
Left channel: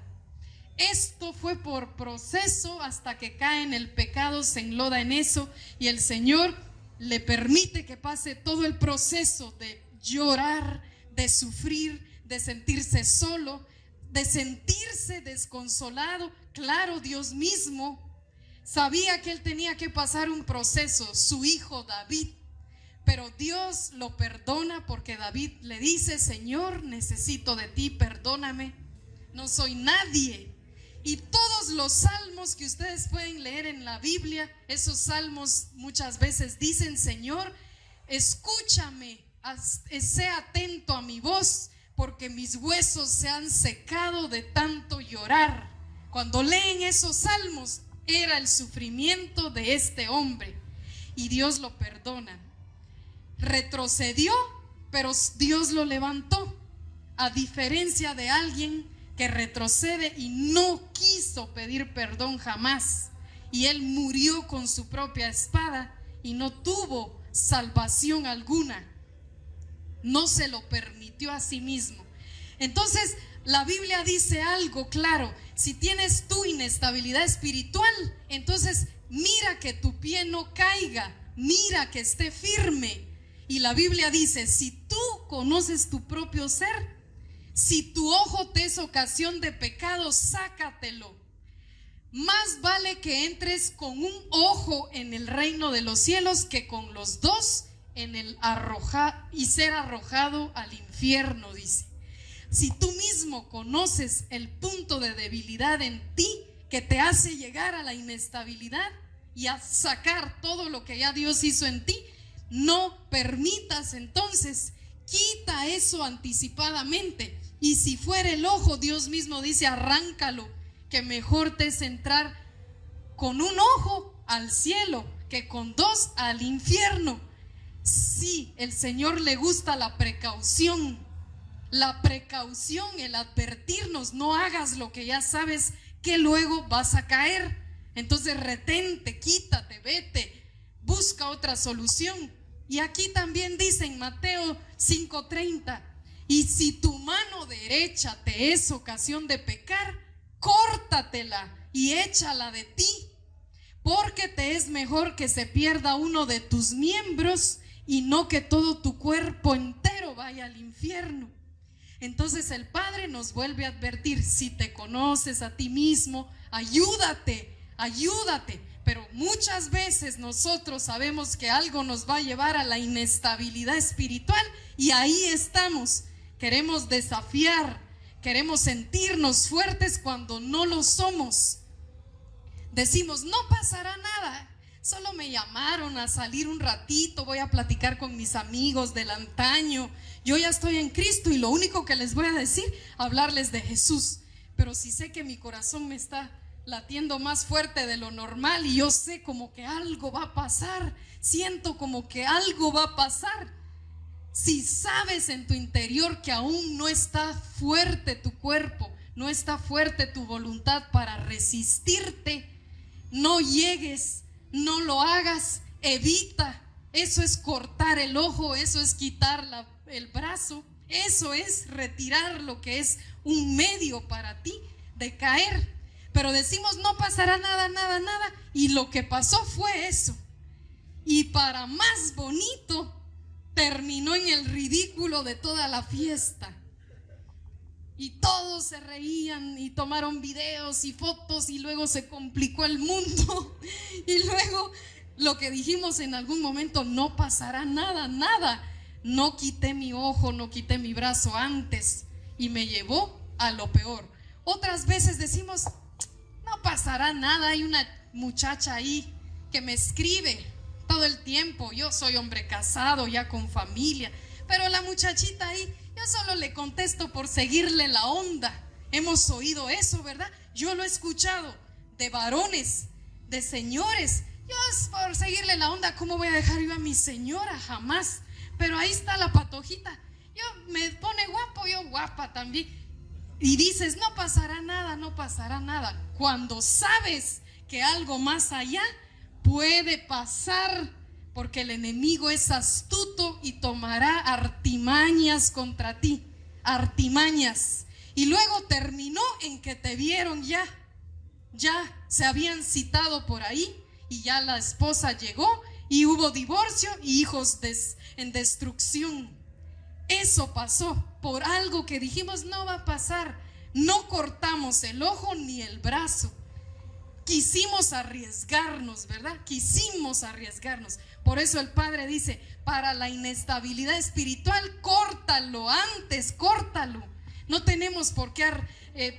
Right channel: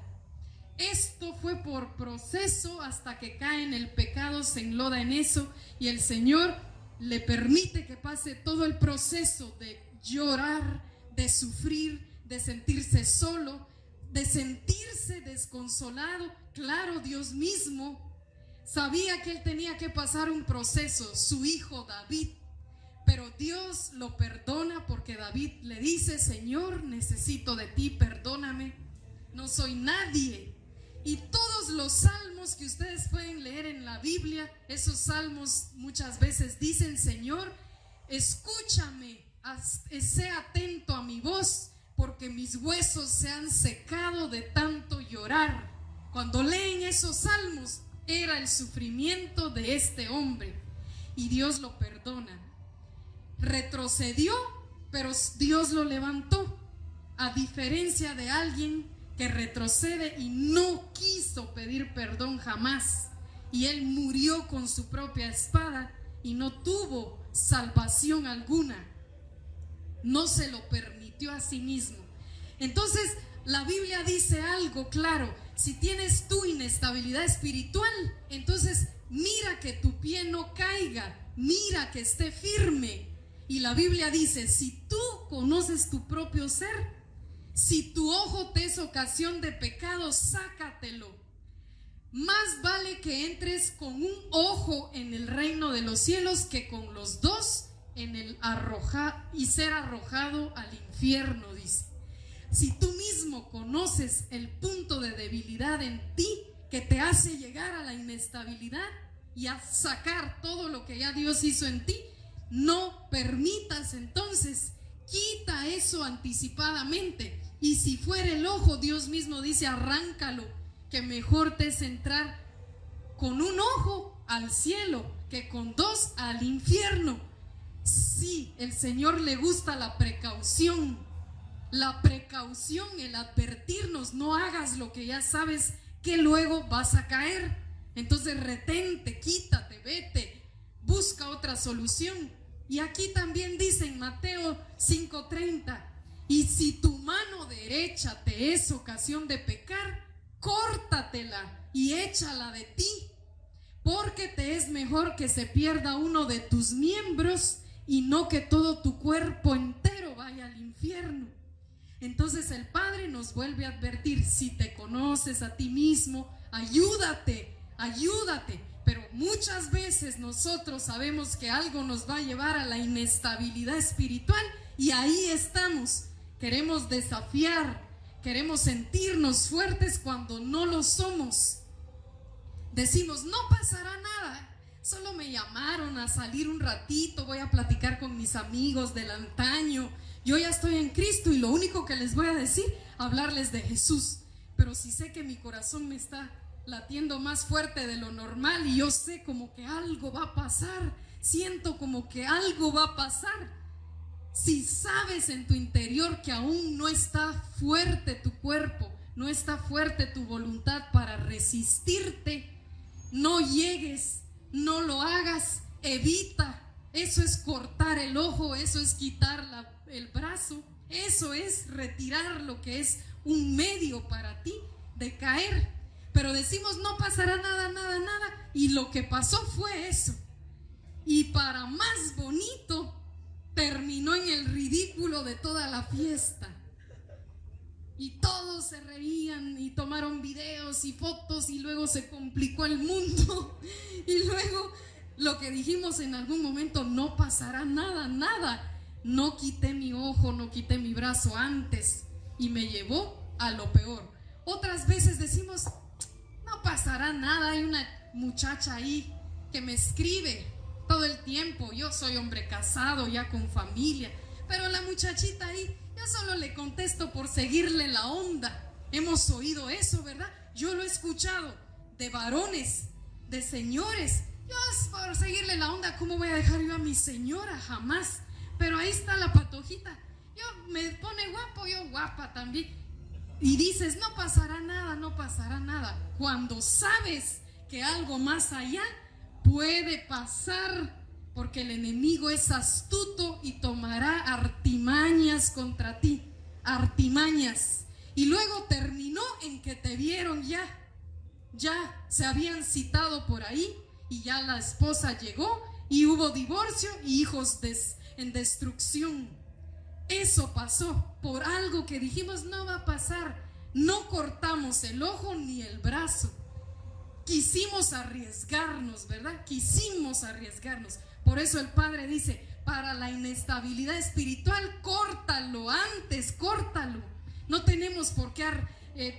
Esto fue por proceso hasta que cae en el pecado, se enloda en eso, y el Señor le permite que pase todo el proceso de llorar, de sufrir, de sentirse solo, de sentirse desconsolado. Claro, Dios mismo sabía que él tenía que pasar un proceso, su hijo David, pero Dios lo perdona, porque David le dice: Señor, necesito de ti, perdóname, no soy nadie. Y todos los salmos que ustedes pueden leer en la Biblia, esos salmos muchas veces dicen: Señor, escúchame, sé atento a mi voz, porque mis huesos se han secado de tanto llorar. Cuando leen esos salmos, era el sufrimiento de este hombre, y Dios lo perdona. Retrocedió, pero Dios lo levantó, a diferencia de alguien que retrocede y no quiso pedir perdón jamás, y él murió con su propia espada y no tuvo salvación alguna, no se lo permitió a sí mismo. Entonces la Biblia dice algo claro: si tienes tu inestabilidad espiritual, entonces mira que tu pie no caiga, mira que esté firme. Y la Biblia dice: si tú conoces tu propio ser, si tu ojo te es ocasión de pecado, sácatelo. Más vale que entres con un ojo en el reino de los cielos que con los dos en el y ser arrojado al infierno, dice. Si tú mismo conoces el punto de debilidad en ti que te hace llegar a la inestabilidad y a sacar todo lo que ya Dios hizo en ti, no permitas entonces, quita eso anticipadamente. Y si fuera el ojo, Dios mismo dice: arráncalo, que mejor te es entrar con un ojo al cielo que con dos al infierno. Sí, el Señor le gusta la precaución, el advertirnos, no hagas lo que ya sabes que luego vas a caer. Entonces retente, quítate, vete, busca otra solución. Y aquí también dice en Mateo 5:30, y si tu mano derecha te es ocasión de pecar, córtatela y échala de ti, porque te es mejor que se pierda uno de tus miembros y no que todo tu cuerpo entero vaya al infierno. Entonces el Padre nos vuelve a advertir: si te conoces a ti mismo, ayúdate. Pero muchas veces nosotros sabemos que algo nos va a llevar a la inestabilidad espiritual y ahí estamos. Queremos desafiar, queremos sentirnos fuertes cuando no lo somos. Decimos: no pasará nada, solo me llamaron a salir un ratito, voy a platicar con mis amigos del antaño, yo ya estoy en Cristo y lo único que les voy a decir, hablarles de Jesús. Pero si sé que mi corazón me está latiendo más fuerte de lo normal y yo sé como que algo va a pasar, siento como que algo va a pasar. Si sabes en tu interior que aún no está fuerte tu cuerpo, no está fuerte tu voluntad para resistirte, no llegues, no lo hagas, evita. Eso es cortar el ojo, eso es quitar el brazo, eso es retirar lo que es un medio para ti de caer. Pero decimos: no pasará nada, y lo que pasó fue eso. Y para más bonito, terminó en el ridículo de toda la fiesta. Y todos se reían y tomaron videos y fotos y luego se complicó el mundo. Y luego lo que dijimos en algún momento: no pasará nada. No quité mi ojo, no quité mi brazo antes y me llevó a lo peor. Otras veces decimos: no pasará nada, hay una muchacha ahí que me escribe todo el tiempo, yo soy hombre casado ya con familia, pero la muchachita ahí, yo solo le contesto por seguirle la onda. Hemos oído eso, ¿verdad? Yo lo he escuchado de varones, de señores: yo es por seguirle la onda, ¿cómo voy a dejar yo a mi señora? Jamás. Pero ahí está la patojita, yo me pone guapo, yo guapa también. Y dices: no pasará nada, cuando sabes que algo más allá puede pasar, porque el enemigo es astuto y tomará artimañas contra ti, artimañas. Y luego terminó en que te vieron ya se habían citado por ahí y ya la esposa llegó y hubo divorcio y hijos en destrucción. Eso pasó por algo que dijimos: no va a pasar. No cortamos el ojo ni el brazo. Quisimos arriesgarnos, ¿verdad? Quisimos arriesgarnos. Por eso el Padre dice: para la inestabilidad espiritual, córtalo antes, córtalo. No tenemos por qué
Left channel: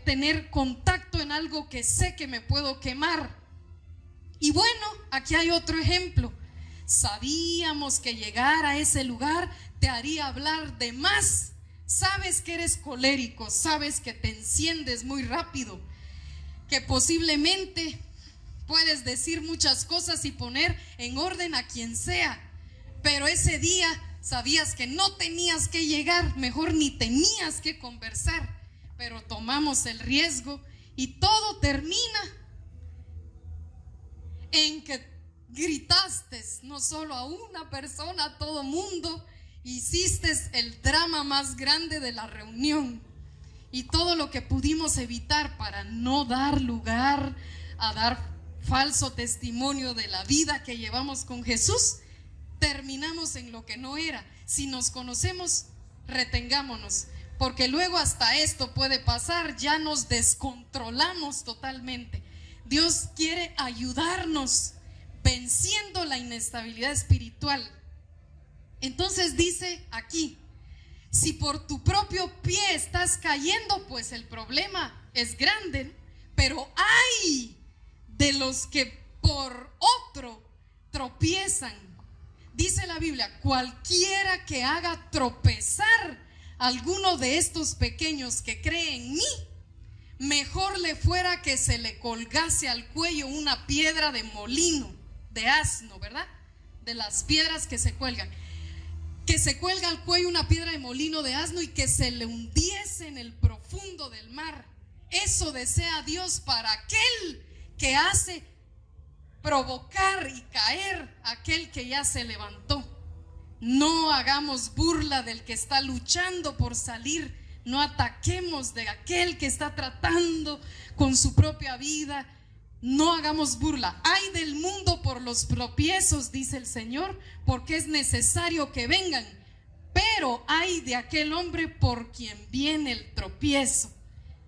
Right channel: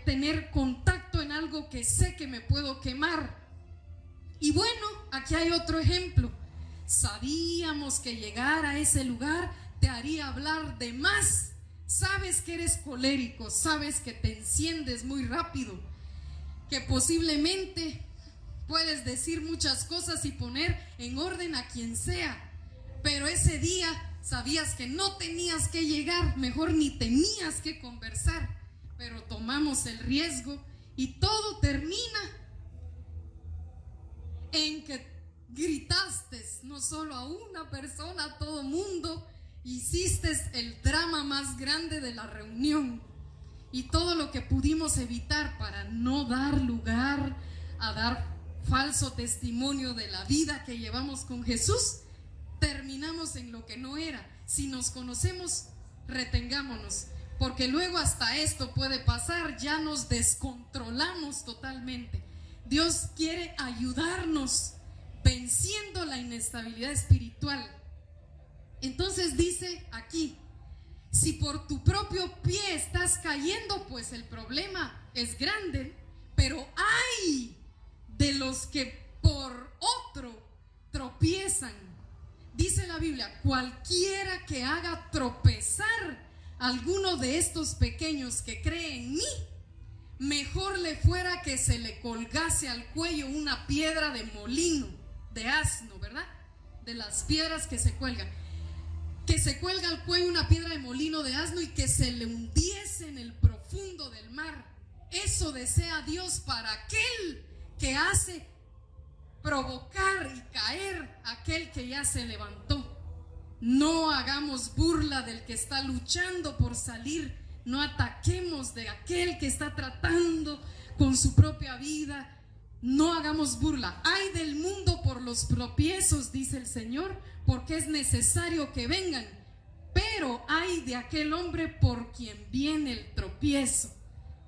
tener contacto en algo que sé que me puedo quemar. Y bueno, aquí hay otro ejemplo. Sabíamos que llegar a ese lugar te haría hablar de más. Sabes que eres colérico, sabes que te enciendes muy rápido, que posiblemente puedes decir muchas cosas y poner en orden a quien sea, pero ese día sabías que no tenías que llegar, mejor ni tenías que conversar, pero tomamos el riesgo y todo termina en que gritaste no solo a una persona, a todo mundo. Hiciste el drama más grande de la reunión y todo lo que pudimos evitar para no dar lugar a dar falso testimonio de la vida que llevamos con Jesús, terminamos en lo que no era. Si nos conocemos, retengámonos, porque luego hasta esto puede pasar, ya nos descontrolamos totalmente. Dios quiere ayudarnos venciendo la inestabilidad espiritual. Entonces dice aquí: si por tu propio pie estás cayendo, pues el problema es grande, pero hay de los que por otro tropiezan. Dice la Biblia: cualquiera que haga tropezar a alguno de estos pequeños que cree en mí, mejor le fuera que se le colgase al cuello una piedra de molino, de asno, ¿verdad? De las piedras que se cuelgan. Que se cuelga al cuello una piedra de molino de asno y que se le hundiese en el profundo del mar. Eso desea Dios para aquel que hace provocar y caer a aquel que ya se levantó. No hagamos burla del que está luchando por salir. No ataquemos de aquel que está tratando con su propia vida. No hagamos burla. Ay del mundo por los tropiezos, dice el Señor, porque es necesario que vengan. Pero ay de aquel hombre por quien viene el tropiezo.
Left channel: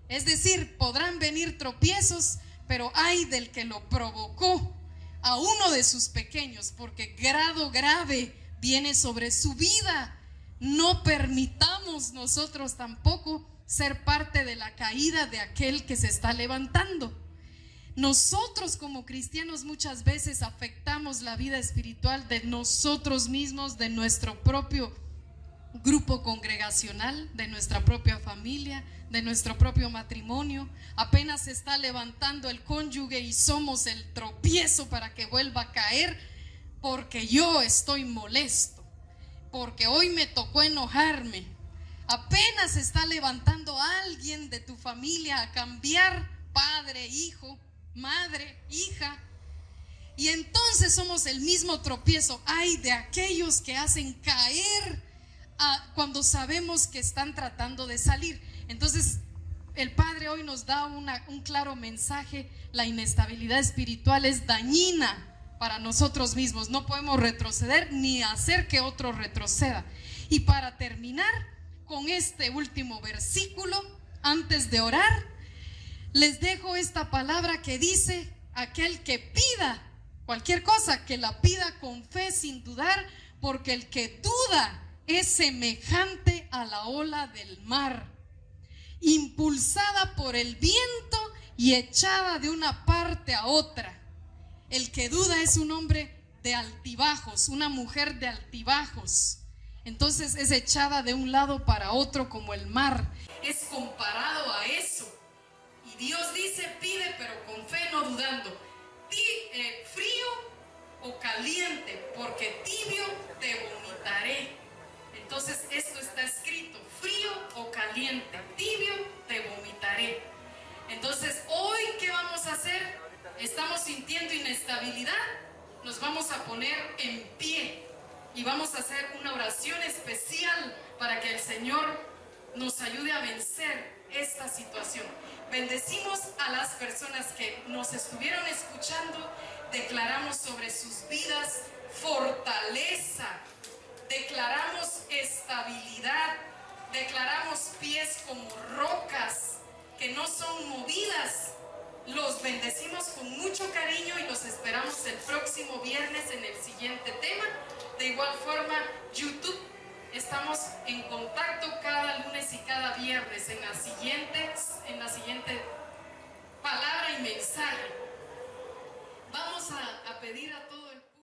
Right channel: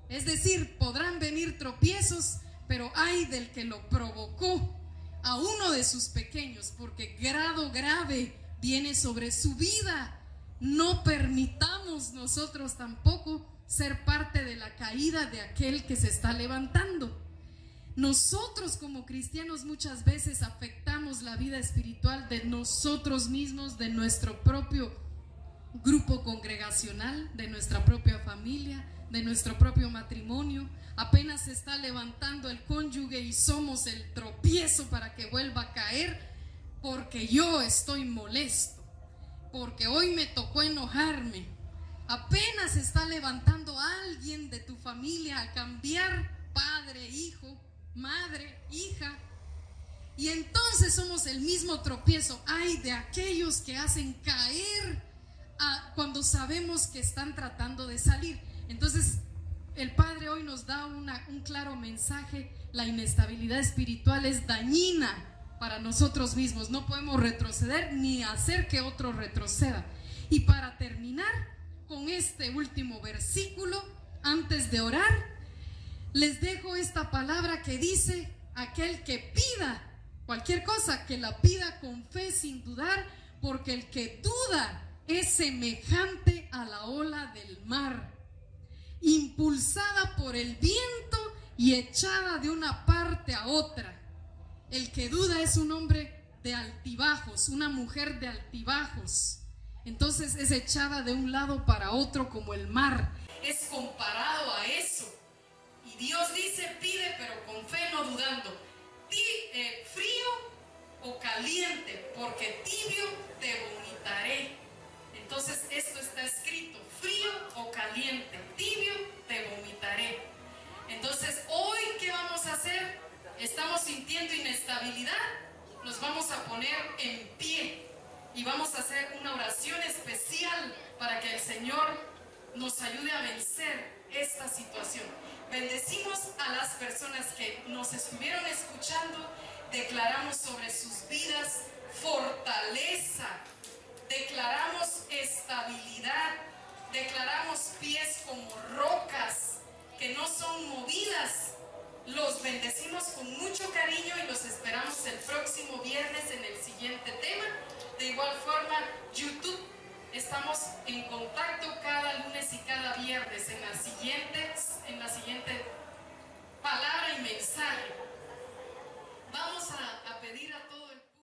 Es decir, podrán venir tropiezos, pero ay del que lo provocó a uno de sus pequeños, porque grado grave viene sobre su vida. No permitamos nosotros tampoco ser parte de la caída de aquel que se está levantando. Nosotros como cristianos muchas veces afectamos la vida espiritual de nosotros mismos, de nuestro propio grupo congregacional, de nuestra propia familia, de nuestro propio matrimonio. Apenas se está levantando el cónyuge y somos el tropiezo para que vuelva a caer, porque yo estoy molesto, porque hoy me tocó enojarme. Apenas se está levantando alguien de tu familia a cambiar, padre, hijo, madre, hija, y entonces somos el mismo tropiezo. Ay de aquellos que hacen caer cuando sabemos que están tratando de salir. Entonces el Padre hoy nos da un claro mensaje. La inestabilidad espiritual es dañina para nosotros mismos. No podemos retroceder ni hacer que otro retroceda. Y para terminar con este último versículo, antes de orar, les dejo esta palabra que dice: aquel que pida cualquier cosa, que la pida con fe sin dudar, porque el que duda es semejante a la ola del mar, impulsada por el viento y echada de una parte a otra. El que duda es un hombre de altibajos, una mujer de altibajos. Entonces es echada de un lado para otro como el mar. Es comparado a eso. Y Dios dice: pide pero con fe, no dudando. Frío o caliente, porque tibio te vomitaré. Entonces esto está escrito: frío o caliente, tibio te vomitaré. Entonces hoy, ¿qué vamos a hacer? Estamos sintiendo inestabilidad, nos vamos a poner en pie y vamos a hacer una oración especial para que el Señor nos ayude a vencer esta situación. Bendecimos a las personas que nos estuvieron escuchando. Declaramos sobre sus vidas fortaleza, declaramos estabilidad, declaramos pies como rocas que no son movidas. Los bendecimos con mucho cariño y los esperamos el próximo viernes en el siguiente tema. De igual forma, YouTube, estamos en contacto cada lunes y cada viernes en la siguiente palabra y mensaje. Vamos a pedir a todos